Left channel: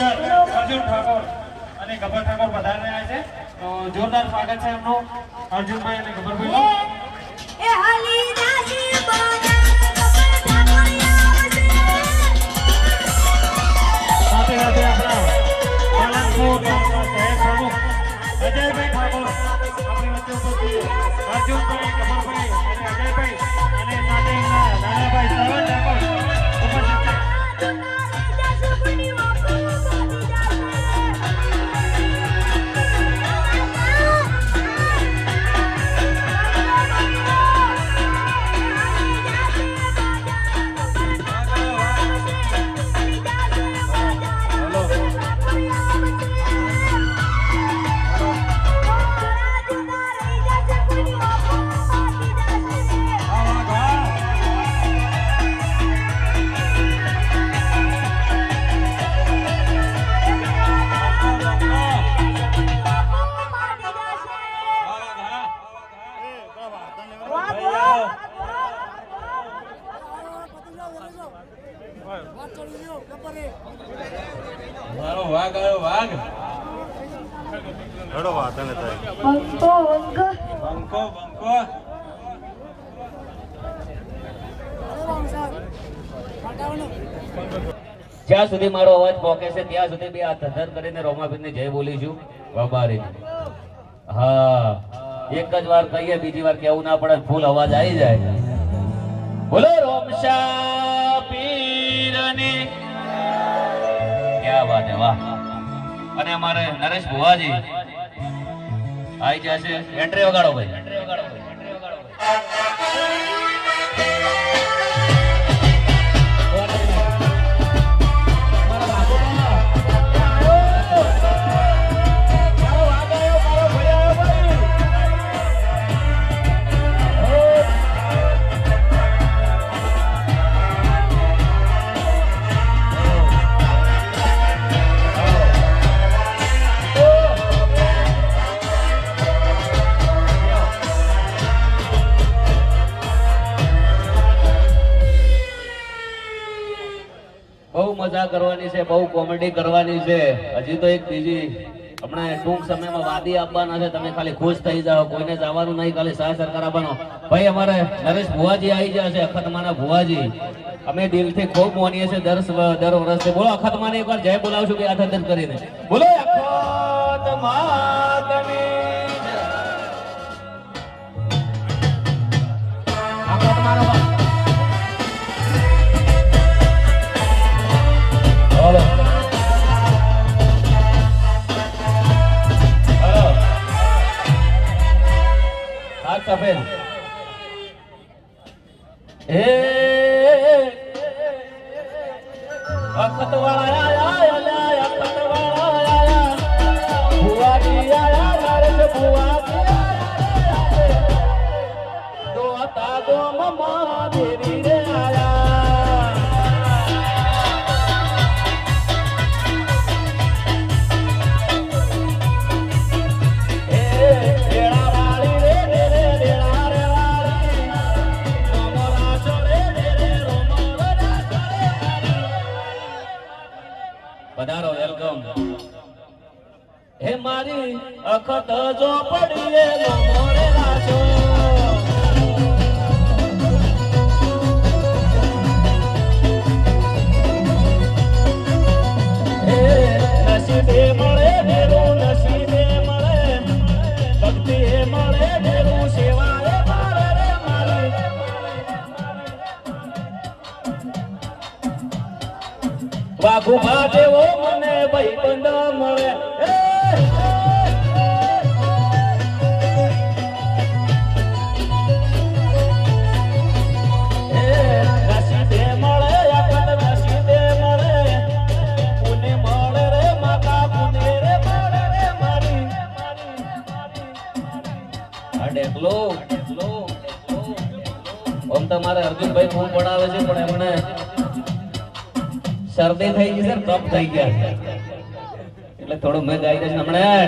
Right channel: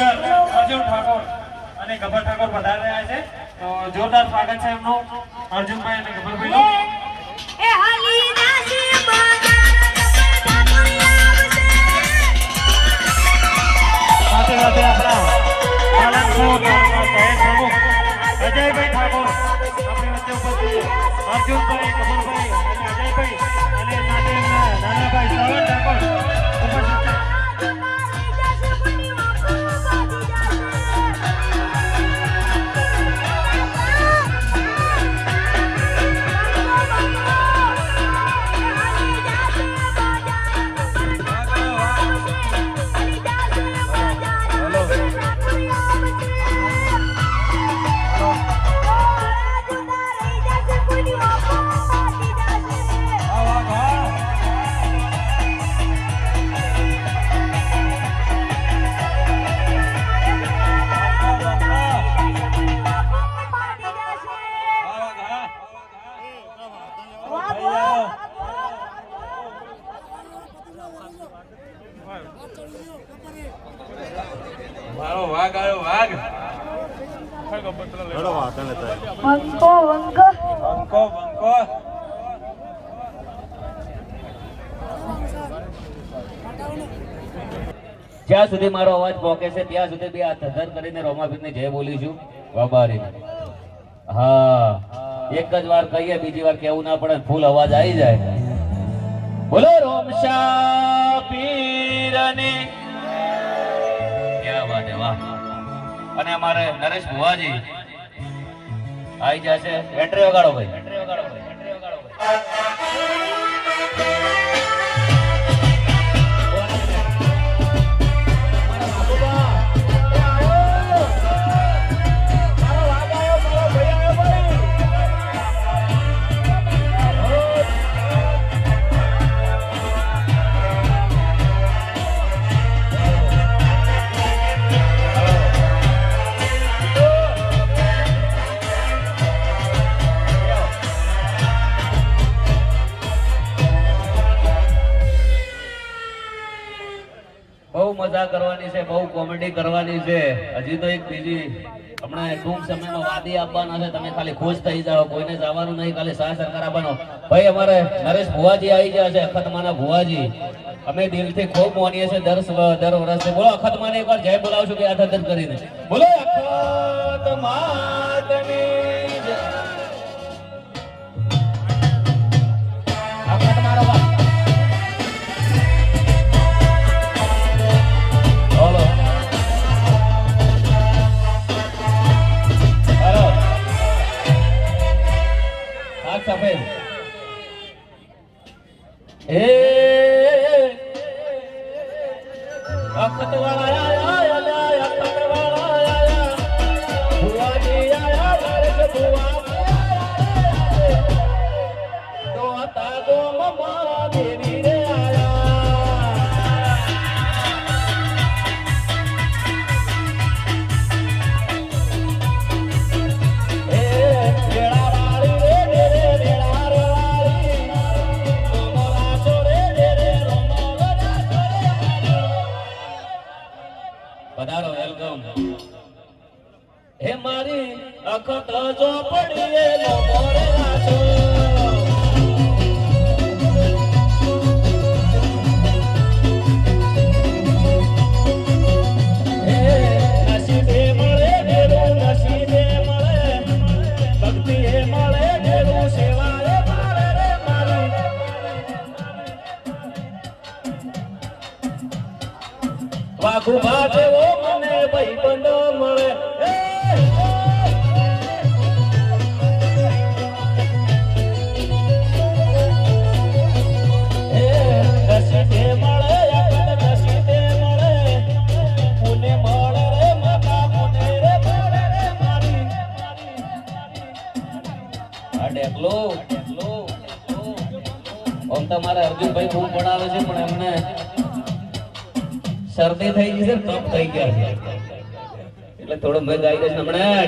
Singer Arjun Thakor અને ગબર ઠાકોર પધારી રહ્યા છે. જોરદાર સ્વાગત છે એમનું અર્જુનભાઈ અને ગબરભાઈ. એ હાલી દાસી સાથે સાથે આપણા પાલનપુર શહેર પ્રમુખ અજયભાઈ ઠાકોર આપણી વચ્ચે ઉપસ્થિત અર્જુનભાઈ, ગબરભાઈ અને અજયભાઈ અને સાથે એમના નાનાભાઈ શ્રવણ ઠાકોર ઉપસ્થિત છે. મારો વાઘ આવ્યો, વાઘ બંકો બંકો બંકો. જ્યાં સુધી મારો અવાજ પહોંચે છે ત્યાં સુધી બી આ ધધન કરીને રોમાબીનને જય બોલીશું. બાબારી હા, એક જ વાર કહીએ, બીજી વાર કેવું ના પડે, ફૂલ અવાજ આવી જાય. બોલો રોમશા પીરની. ક્યાં વાત હે, વાહ. અને અમારે નરેશ ભુવાજી આવી જશે. એન્ટ્રી વગાડો ભાઈ. બહુ મજા કરવાની છે, બહુ કોમેડી કરવાની છે. હજી તો એક બીજી હમણાં ટૂંક સમયમાં વાદી આપવાના છે. તમે ખાલી ખુશ થઈ જાઓ, કોઈને જવાનું નહીં, ખાલી સાહ સરકાર આપવાનો. ભાઈ અમારે નરેશ ભુવાજી આવી ગયા છે, અખતમાના ભુવાજી. અમે દિલથી ખૂબ માનીએ છીએ દર વર્ષે. બોલો અખતમાને એકવાર જય બોલાવશું કે હાથ હાથ કરીને. બોલો અખતમાતની જય. બોલો હાથ સફેદ. હે અખતવાળા આયા, અખતવાળા આયા, ભુવાજી આયા, નરેશ ભુવાજી આયા, દોતા ગોમમાં દેવી રે આયા. એ રેડા વાળી રે રેડા રે વાળી, રોમરા છોડે રે રોમરા છોડે. પધારો, વેલકમ. હે મારી અખત જો પડીએ લો મોરે લાજો. હે નસીબે મળે દેરું, નસીબે મળે ભક્તિ, હે મળે દેરું, સેવાએ મળે રે મારી. વાઘુભા જેવો મને ભાઈબંધ મળે. નસીબે મળે, નસીબે મળે, પુને મળે રે માતા, પુને રે મળે રે મારી. આ ડેકલો આમ તમારે અર્જુનભાઈ ખૂબ ભણાવે છે, પણ એમને શરદી થઈ ગઈ છે, કફ થઈ ગયા છે, એટલે થોડું મેં ગાઈ દઈશ હમણાં.